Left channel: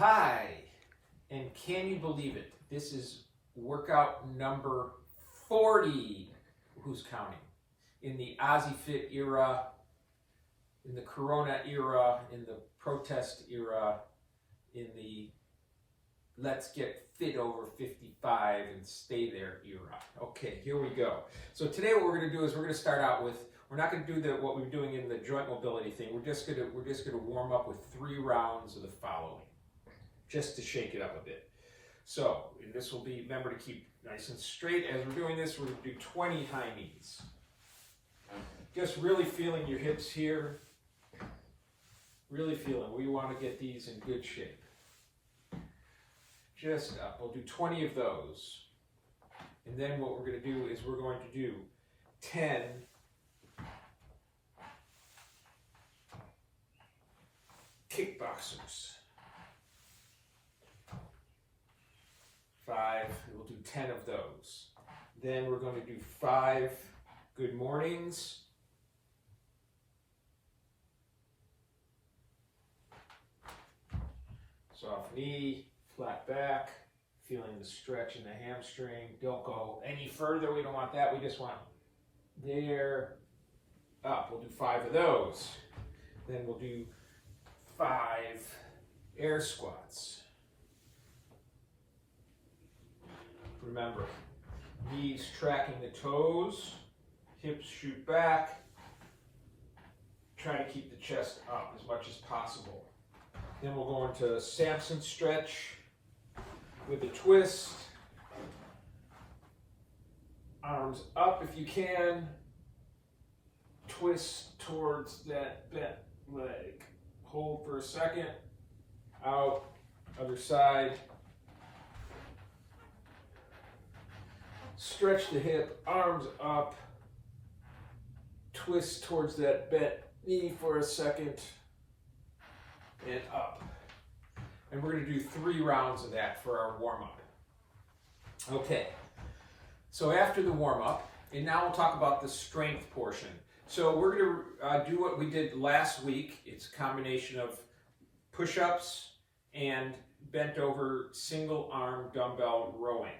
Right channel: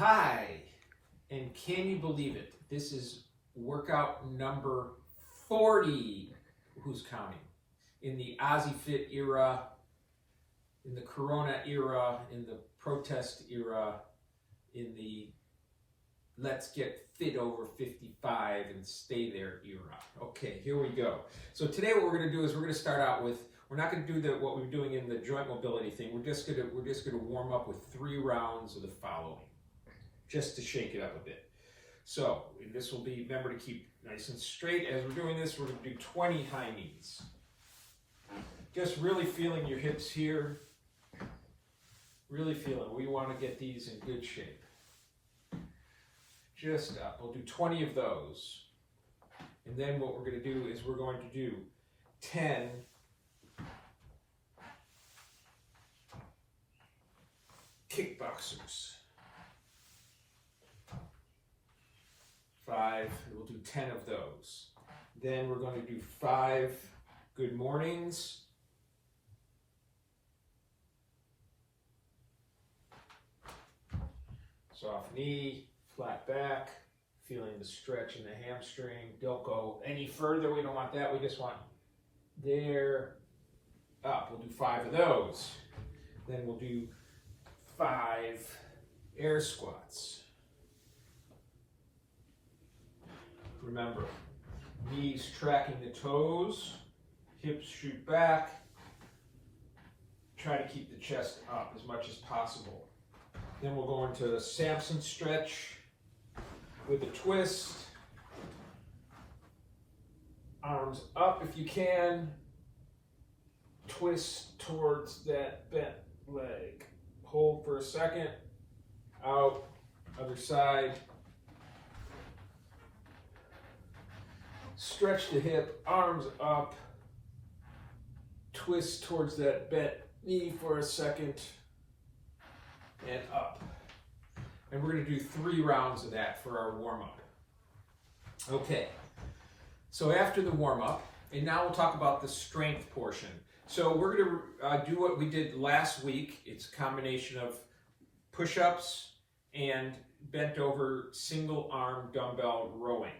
Hi, and can you believe it? This is workout number 40, who's counting, in the OzzieFit era, in the Corona era, in the protest era, in the let's get fit over 55 and stay there era. Okay, here we go. So today what we're going to do is we're going to start out with, we're not going to do what we were doing in the joint mobility thing. We're just going to warm up with 3 rounds of the following, just to shake it up a bit. So this will be, remember to keep nice and straight. As we're doing this, we're going to do 20 high knees. Just really feeling your hips here. Really feeling. We want to get these in good shape. Just up. We'll do 20 of those. And then what we're going to do is we're going to do 10 kickboxers. 5, we'll do 10 of those. Then we're going to do 5 good mornings. Soft knee, flat back, feeling the stretch in the hamstring. Don't go any further, we don't want that. We just want there, up. We'll do 5 of those. Then we'll do 5 air squats. Remember, knees tracking the toes, hips shoot back. Try to keep the chest up as much as possible. Then we'll go into Samson stretch with a twist. Arms up if you can. Twist towards that bent leg. Hold for a second. Out. Other side. Stretch the hip, arms up, twist towards that bent knee for a second, and up. And we're going to do 3 rounds of that for our warm-up. Okay, so after the warm-up, and now we'll talk about the strength portion. So we're going to do what we did last week. It's a combination of push-ups and bent over single arm dumbbell rowing.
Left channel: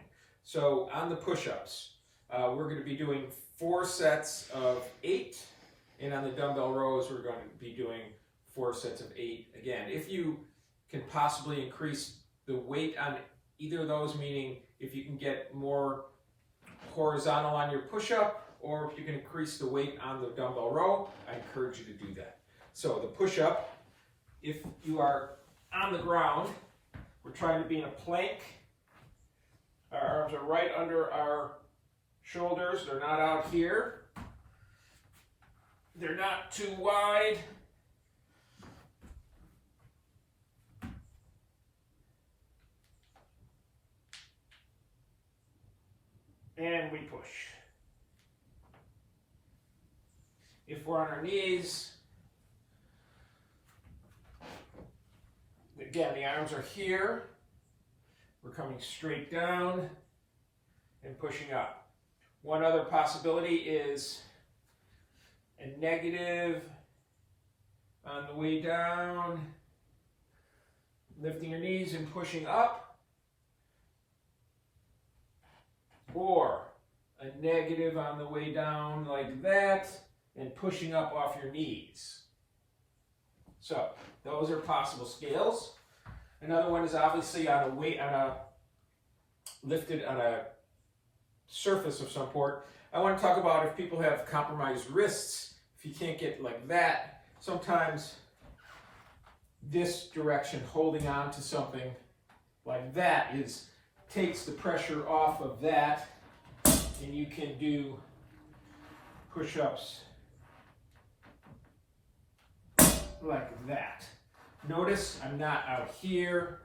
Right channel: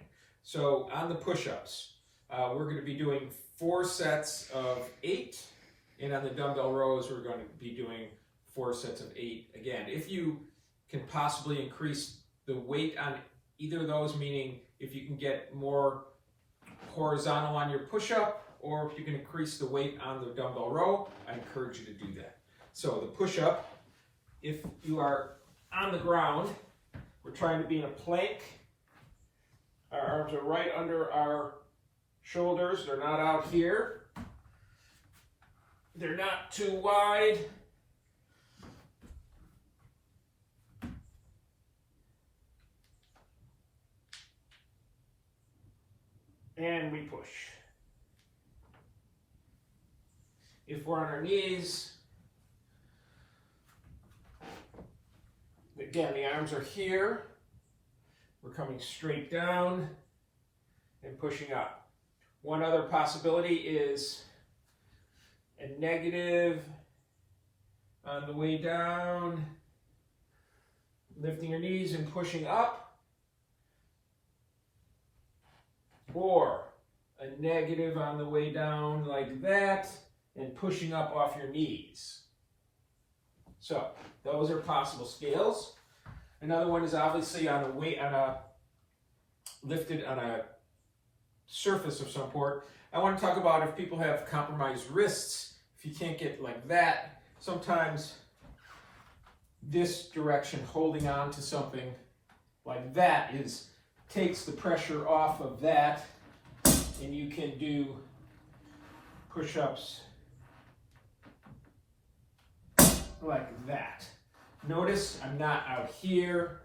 So on the push-ups, we're going to be doing 4 sets of 8, and on the dumbbell rows, we're going to be doing 4 sets of 8 again. If you can possibly increase the weight on either of those, meaning if you can get more horizontal on your push-up, or if you can increase the weight on the dumbbell row, I encourage you to do that. So the push-up, if you are on the ground, we're trying to be in a plank. Our arms are right under our shoulders. They're not out here. They're not too wide. And we push. If we're on our knees, again, the arms are here. We're coming straight down and pushing up. One other possibility is a negative on the way down, lifting your knees and pushing up, or a negative on the way down like that and pushing up off your knees. So those are possible scales. Another one is obviously lifted on a surface of some sort. I want to talk about if people have compromised wrists, if you can't get like that, sometimes this direction, holding on to something like that, takes the pressure off of that, and you can do push-ups like that. Notice I'm not out here.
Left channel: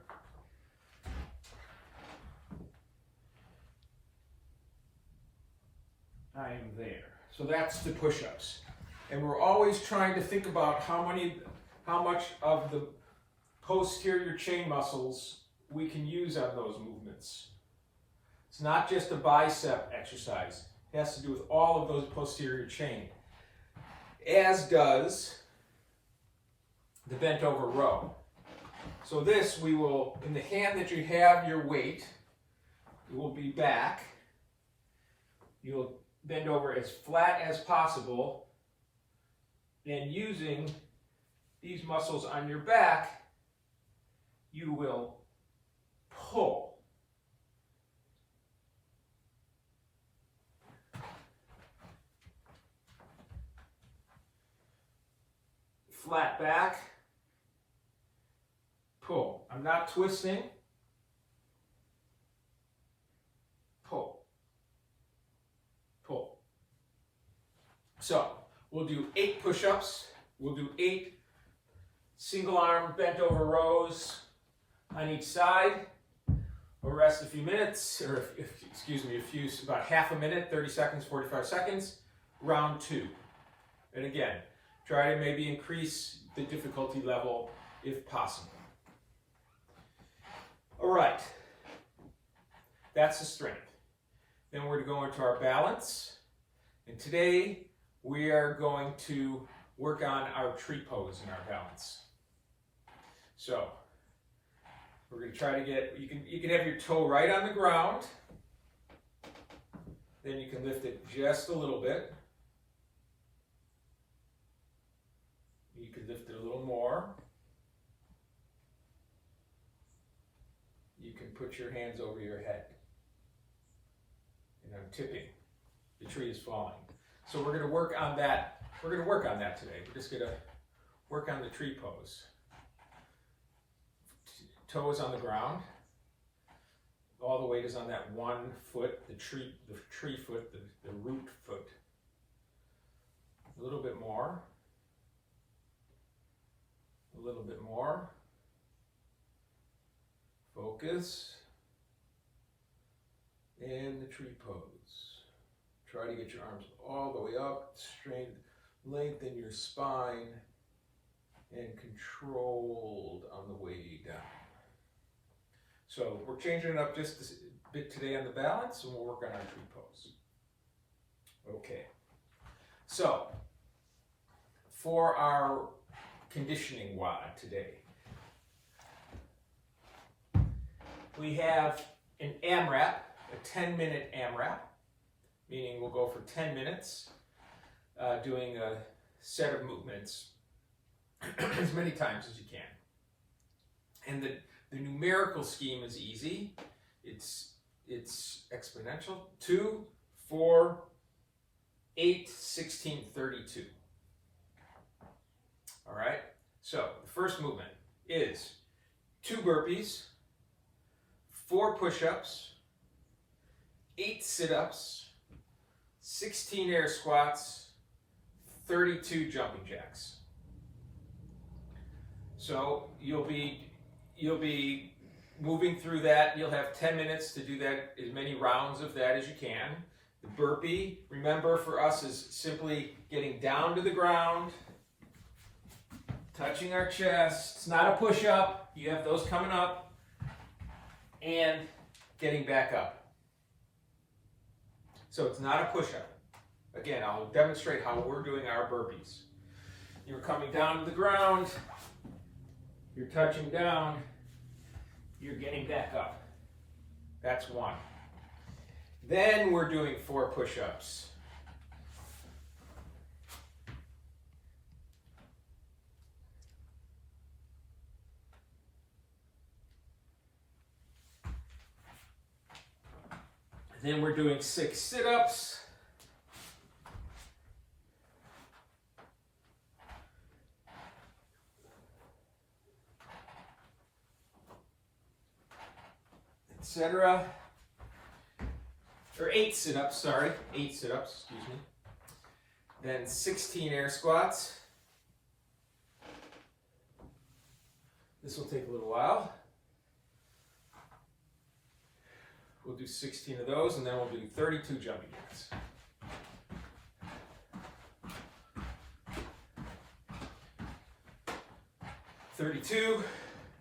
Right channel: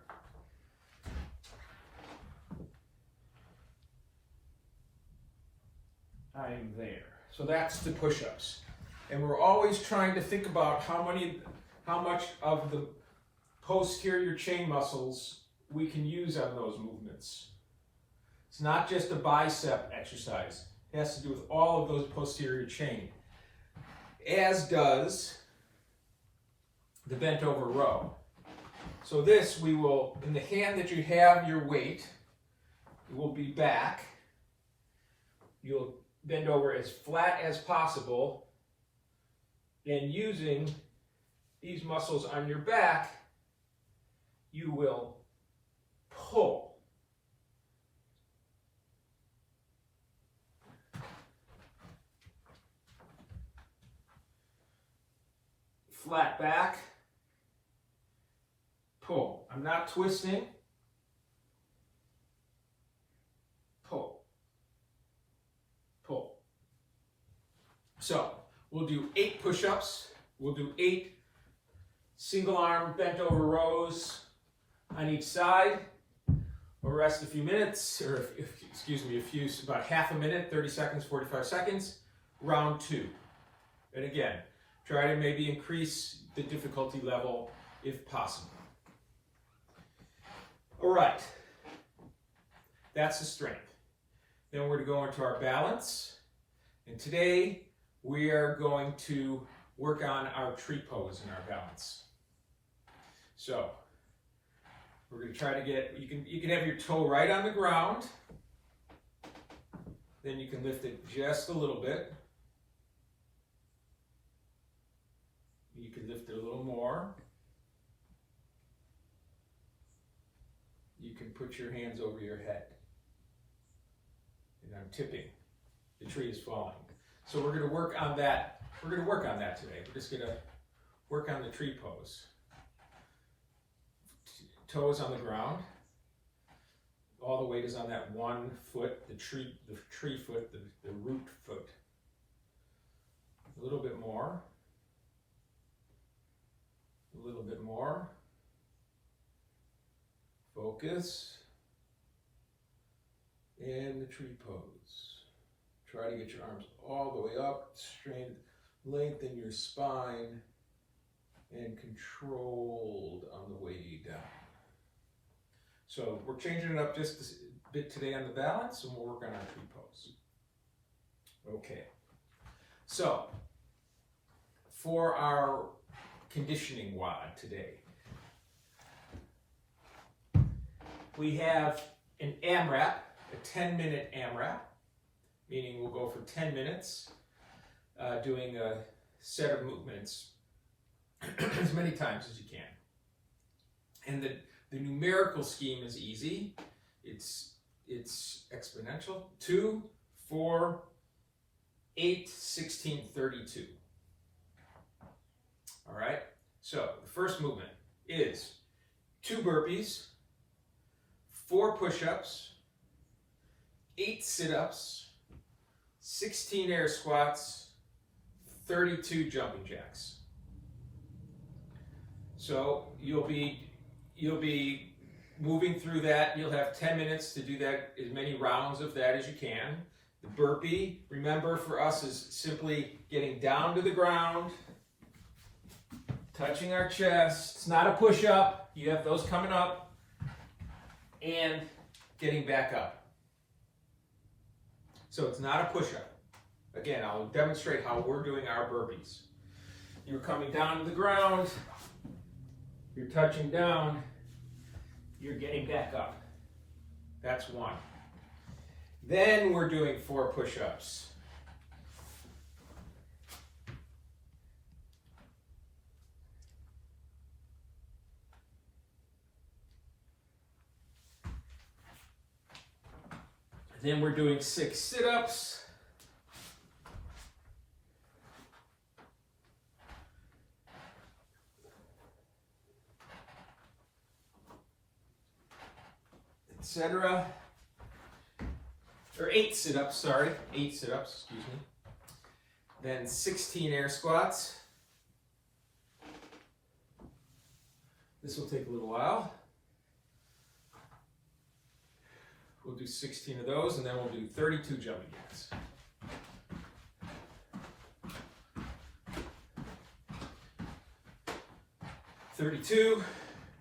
I am there. So that's the push-ups. And we're always trying to think about how much of the posterior chain muscles we can use on those movements. It's not just a bicep exercise. It has to do with all of those posterior chain, as does the bent over row. So this, we will, in the hand that you have your weight, it will be back. You'll bend over as flat as possible, and using these muscles on your back, you will pull. Flat back, pull. I'm not twisting. Pull. Pull. So we'll do 8 push-ups. We'll do 8 single arm bent over rows on each side. We'll rest a few minutes, or about half a minute, 30 seconds, 45 seconds. Round 2. And again, try to maybe increase the difficulty level if possible. All right, that's the strength. Then we're going to go into our balance. And today we are going to work on our tree pose in our balance. So we're going to try to get, you can have your toe right on the ground. Then you can lift it just a little bit. You can lift it a little more. You can put your hands over your head. And I'm tipping. The tree is falling. So we're going to work on that. We're going to work on that today. We're just going to work on the tree pose. Toes on the ground. All the weight is on that one foot, the tree foot, the root foot. A little bit more. A little bit more. Focus. And the tree pose. Try to get your arms all the way up, lengthen your spine, and controlled on the way down. So we're changing it up just a bit today on the balance, and we'll work on our tree pose. Okay. So for our conditioning WOD today, we have an AMRAP, a 10-minute AMRAP, meaning we'll go for 10 minutes doing a set of movements as many times as you can. And the numerical scheme is easy. It's exponential. 2, 4, 8, 16, 32. All right? So the first movement is 2 burpees, 4 push-ups, 8 sit-ups, 16 air squats, 32 jumping jacks. So you'll be moving through that. You'll have 10 minutes to do that, as many rounds of that as you can. The burpee, remember, for us is simply getting down to the ground, touching our chest. It's not a push-up. You have those coming up, and getting back up. So it's not a push-up. Again, I'll demonstrate how we're doing our burpees. You're coming down to the ground, you're touching down, you're getting back up. That's 1. Then we're doing 4 push-ups. Then we're doing 6 sit-ups. Etc. Or 8 sit-ups, sorry. 8 sit-ups, excuse me. Then 16 air squats. This will take a little while. We'll do 16 of those, and then we'll do 32 jumping jacks.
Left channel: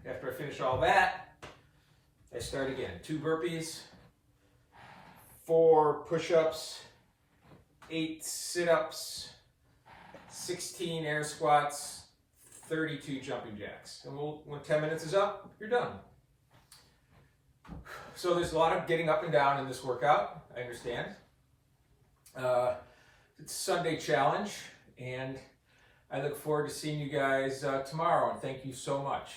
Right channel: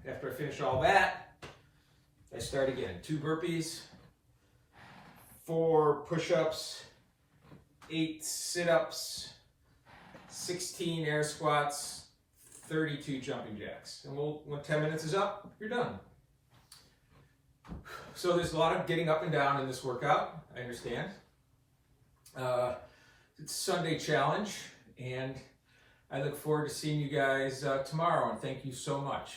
After I finish all that, I start again. 2 burpees, 4 push-ups, 8 sit-ups, 16 air squats, 32 jumping jacks. And when 10 minutes is up, you're done. So there's a lot of getting up and down in this workout, I understand. It's a Sunday challenge, and I look forward to seeing you guys tomorrow, and thank you so much.